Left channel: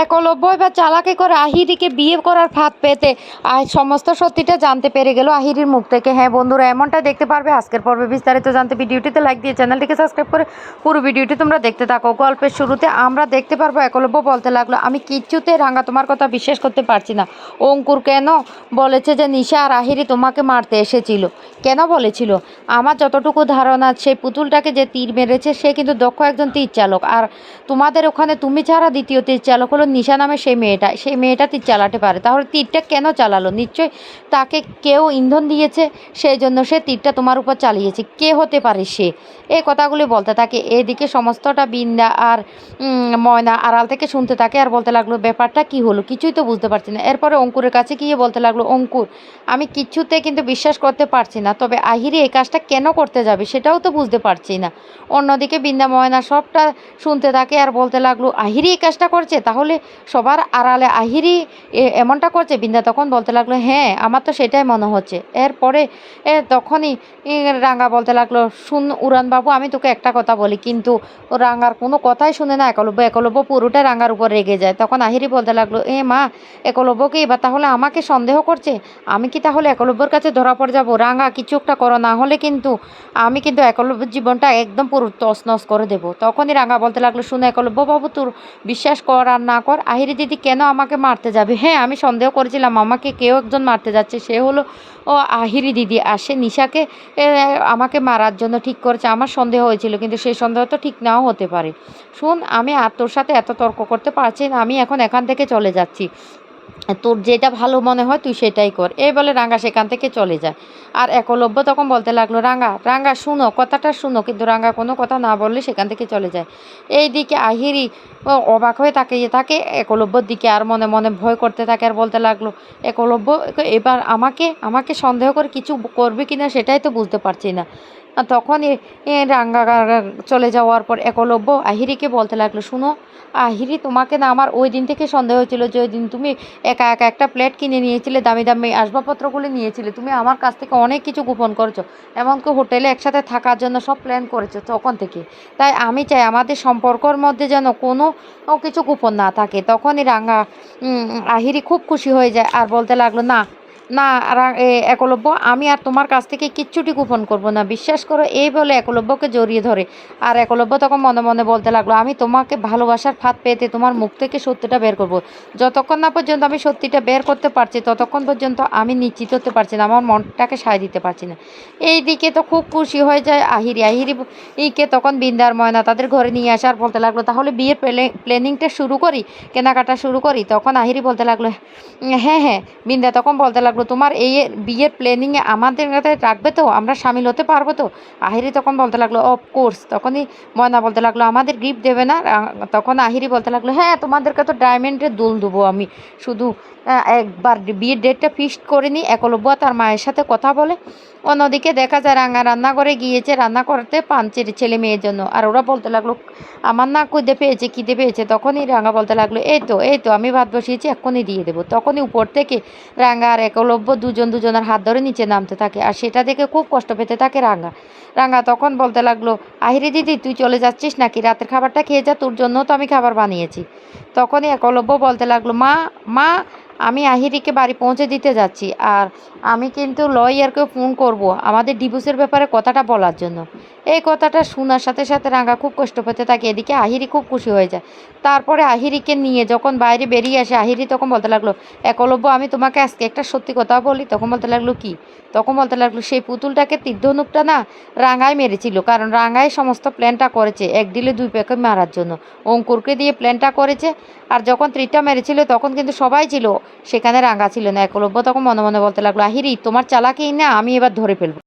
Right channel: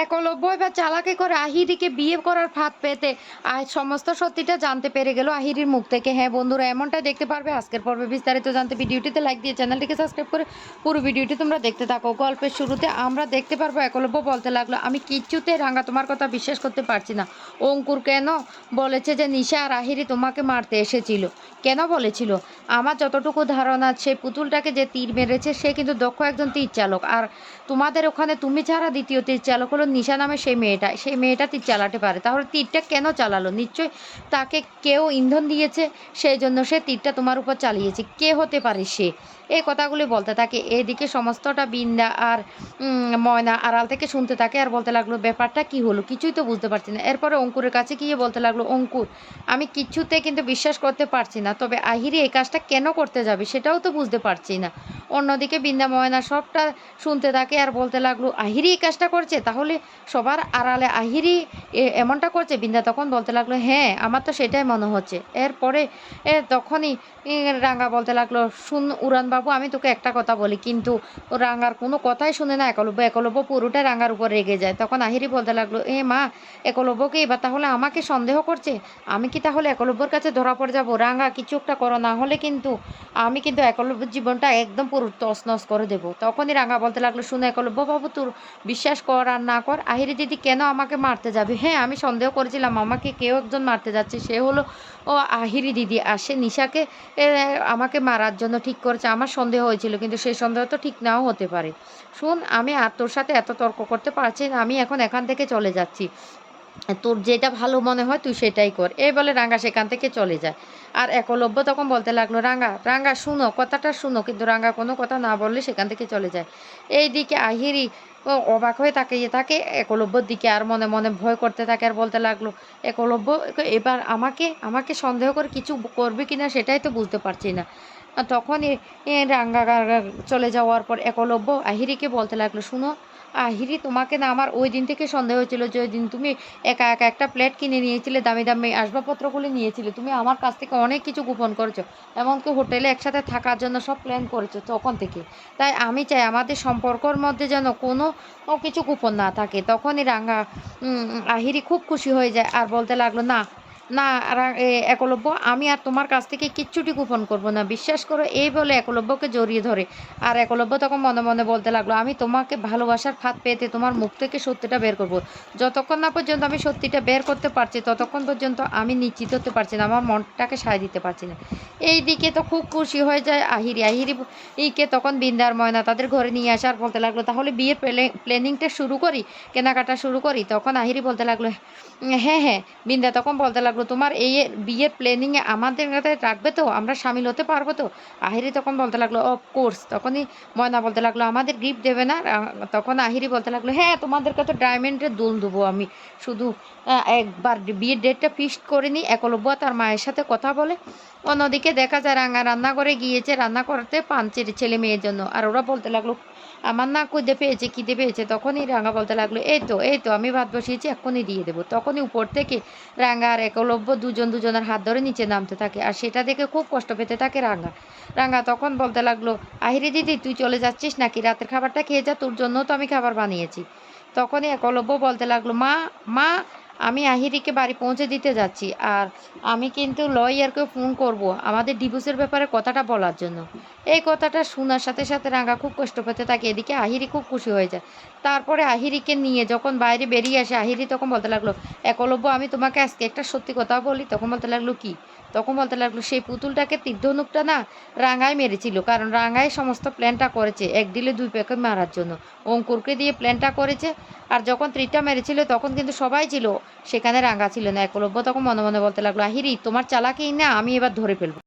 একলব্য এবার চালাকি করে আহিরিকে বিয়ে করার ফাঁদ পেতে আর সমস্ত সত্যিটা জানতে পেরে গেল আহিরির মুখ থেকে। হ্যাঁ বন্ধুরা, এমনটা দেখতে পারবে। আজকের পর্বে বিস্তারিত জানতে ভিডিওটিতে লাইক দিয়ে চ্যানেলটিকে সাবস্ক্রাইব করে পুরো ভিডিওটি তোমরা দেখতে থাকো। গল্পের শুরুতে আমরা দেখতে পারব, একলব্য বলতে লাগল, আমি কিচ্ছুতে রাঙা তোমার কথা বিশ্বাস করতে পারছি না। অঙ্কুর কেন বলেছে যে নিশা আর আহিরি তোমাকে মারতে এসেছিল? কেন বলেছিল? আমার যতটুকু ধারণা, সেই পুতুলটাকে যে তীর মেরেছে, সে কিন্তু দক্ষ একজন তীর চালক। আর তোমাদের ওখানে তুমি ছাড়া দ্বিতীয় তীর চালক হলো নিশা নামে সেই মেয়েটা সেই মেয়েটা তীর চালাতে পারে। তাহলে তীরটা কেন চালালো? নিশ্চয় তাকে কেউ ইন্ধন দিয়েছে, সেই জন্য সে তীরটা তোমার উপর চালিয়েছে। কে হতে পারে সে? এই কথাগুলি বলতে থাকে। এদিকে সমস্তটা বিন্দা আর ময়না আড়াল থেকে শুনতে থাকে আর বলতে লাগল, ব্যাপারটা কি হলো? কিছুই তো বুঝতে পারছি না। এরপরে অঙ্কুরের কাছে গিয়ে বলতে লাগল, অঙ্কুর, আমি কিচ্ছুতে কিন্তু বিশ্বাস করতে পারছি না, তবে আহিরি এই কাজটা কেন করতে যাবে সেটাও তো বুঝতে পারছি না। অন্যদিকে বিন্দা ময়না সবটা শুনতে থাকে আর বলতে লাগল, আহিরি এই কাজটা করছে? তাহলে সবার আড়ালে আহিরি এমনটা করছে? বিন্দা তখন বলতে লাগল হ্যাঁ আমার তো সেটাই মনে হচ্ছে। এরপরে তখনই রাঙ্গা বলতে লাগল, শুন উড়ানবাবু আমি তোকে একটা কথা বলি, কিন্তু ও রাঙ্গার কোনো কথাই শুনে না, একলব্য একলব্য পুরোটা রাঙ্গার উপর রেগে যায়। তখন আহিরি বলতে লাগল, এ মা একলব্যকে এবার তাহলে আমাকে সন্দেহ করছে? আমি কি তাহলে একলব্যর কাছে ধরা পড়ে যাব? রাঙ্গা, কিছু একটা করো, না হলে কিন্তু আমি কিন্তু একলব্যের জীবনটা একদম পুরো তছনছ করে দেবো। তখনই রাঙ্গা বলতে লাগল, শুনে একলব্য বাবু, তোর বিশ্বাস কর আর না কর, আহিরি দিদি কেন আমাকে মারতে যাবে? হ্যাঁ আমি সন্দেহ করেছিলাম, আমাকে কেউ একজন মারতে যাচ্ছে, সে হলো ও আহিরি দিদি আসে নিশাকে আমাকে মারার জন্য ঠিক করেছে। আমার সন্দেহ হয়েছিল, কিন্তু সেই সন্দেহ তো ঠিক নাও হতে পারে। শুন, আমি আর তোর সাথে এত তর্ক করতে পারছি না, আমি এখন এখান থেকে চলে যাচ্ছি। তোর যেটা ভালো মনে হয় তুই সেটাই কর। এই বলে রাঙ্গা সেখান থেকে চলে যায়। আর একলব্য তখন বলতে লাগল রাঙ্গা রাঙ্গা শুনো কথাটা শুনো। কিন্তু রাঙ্গা কোনো কথা না বললে সেখান থেকে চলে যায়। এইদিকে আহিরি ও অবাক হয়ে তাকিয়ে থাকে একলব্যর দিকে আর মনে মনে ভয় করতে থাকে আর বলতে লাগল একলব্য এবার আমাকে আমাকে সন্দেহ করে কিছু করবে কি না সেটাই তো বুঝতে পারছি না। এ, রাঙ্গা চলে যাওয়ার পর একলব্য আহিরিকে বলতে লাগল শুনো আহিরি, তোমাকে না আমার ওই দিন থেকে সন্দেহ হয়েছিল যে ওই দিন তুমি একা একা একটা প্লেট কিনে নিয়েছিলে, দামি দামি আসবাবপত্রগুলি নিয়েছিলে। তুমি আমার কাছ থেকে অনেক কিছু গোপন করেছ, এমনকি হোটেলে একসাথে থাকার জন্য সব প্ল্যান করেছ তখন থেকে। তাই আমি চাই আমাদের সম্পর্কর মধ্যে যেন কোনো কিছু গোপন না থাকে। তখনই রাঙা আহিরি খুব খুশি হয়ে যায় আর বলতে লাগল, না না একলব্য, আমি আর তোমার কাছ থেকে কিচ্ছুটি গোপন করব না। বিশ্বাস করো, এই বলে একলব্যকে জড়িয়ে ধরে। আর একলব্য তখন মনে মনে বলতে লাগল, আমি তোমাকে ভালোবাসার ফাঁদ পেতে তোমার মুখ থেকে সত্যিটা বের করব। যতক্ষণ না পর্যন্ত আমি সত্যিটা বের করতে পারছি, ততক্ষণ পর্যন্ত আমি নিশ্চিত হতে পারছি না, আমার মনটাকে সায় দিতে পারছি না। এই দিকে তো খুব খুশি হয়ে যায় আহিরি। আহিরি ইকে তখন বিন্দার ময়না তাদের ঘরে নিয়ে আসার বলতে লাগল, তাহলে বিয়ের প্ল্যানিংটা শুরু করি, কেনাকাটা শুরু করি? তখন আহিরি বলতে লাগল হ্যাঁ হ্যাঁ। বিন্দা তখন বলতে লাগল তোমার এই বিয়ের প্ল্যানিংয়ে আমাদের কাছে রাখবে তো, আমরা সামিল হতে পারব তো। আহিরি তখন বলতে লাগল অফকোর্স তখনই ময়না বলতে লাগল, আমাদের গিফট দেবে না। তখন আহিরি বলতে লাগল হ্যাঁ তোমাদেরকে তো ডায়মন্ডের দোল দেবো আমি। শুধু একবার বিয়ের ডেটটা ফিক্সড করে নিই একলব্য তার মায়ের সাথে কথা বলে। অন্যদিকে দেখা যায় রাঙা রান্নাঘরে গিয়েছে, রান্না করতে পাঞ্চের ছেলে মেয়ের জন্য। আর ওরা বলতে লাগল, আমার না কুদে পেয়েছে, খিদে পেয়েছে। তখনই রাঙা বলতে লাগল, এই তো এই তো, আমি ভাত বসিয়েছি, এক্ষুনি দিয়ে দেবো। তখনই উপর থেকে রাঙা আর একলব্য দুজন দুজনের হাত ধরে নিচে নামতে থাকে। আর সেটা দেখে খুব কষ্ট পেতে থাকে রাঙা। রাঙা তখন বলতে লাগল, আহিরি দিদি, তুই চলে যাচ্ছিস নাকি? রাতের খাবারটা খেয়ে যা, তোর জন্য তো আমি খাবার বানিয়েছি। তখনই একলব্য বলতে লাগল, মা মা আমি আহিরিকে বাড়ি পৌঁছে দিতে যাচ্ছি আর আমি কিন্তু লয়ারকে ফোন করব। আমাদের ডিভোর্সের ব্যাপারে কথাটা বলার জন্য। এই কথাটা শোনার সাথে সাথে রাঙা খুব কষ্ট পেতে থাকে। এদিকে আহিরি খুব খুশি হয়ে যায়। তারপরে আহিরিকে নিয়ে যখন বাইরে বেরিয়ে আসে, আহিরি তখন বলতে লাগল একলব্য আমি তোমাকে আজকে একটা সত্যি কথা বলি। তখন বলতে লাগল, কি? তখন বলতে লাগল, সেই পুতুলটাকে তীর্ধনুকটা না রাঙায় মেরেছিল, কারণ রাঙায় সমস্ত প্ল্যানটা করেছে, এক ডিলে দুই প্যাকে মারার জন্য। অঙ্কুরকে দিয়ে প্ল্যানটা করেছে, আর যখন ত্রিটা মেরেছিল, তখন কিন্তু সবাই ছিল, সেখানে রাঙা ছিল না। একলব্য তখন মনে মনে বলতে লাগল, আহিরি, তোমার চালাকেই না, আমি এবার ধরে ফেলব।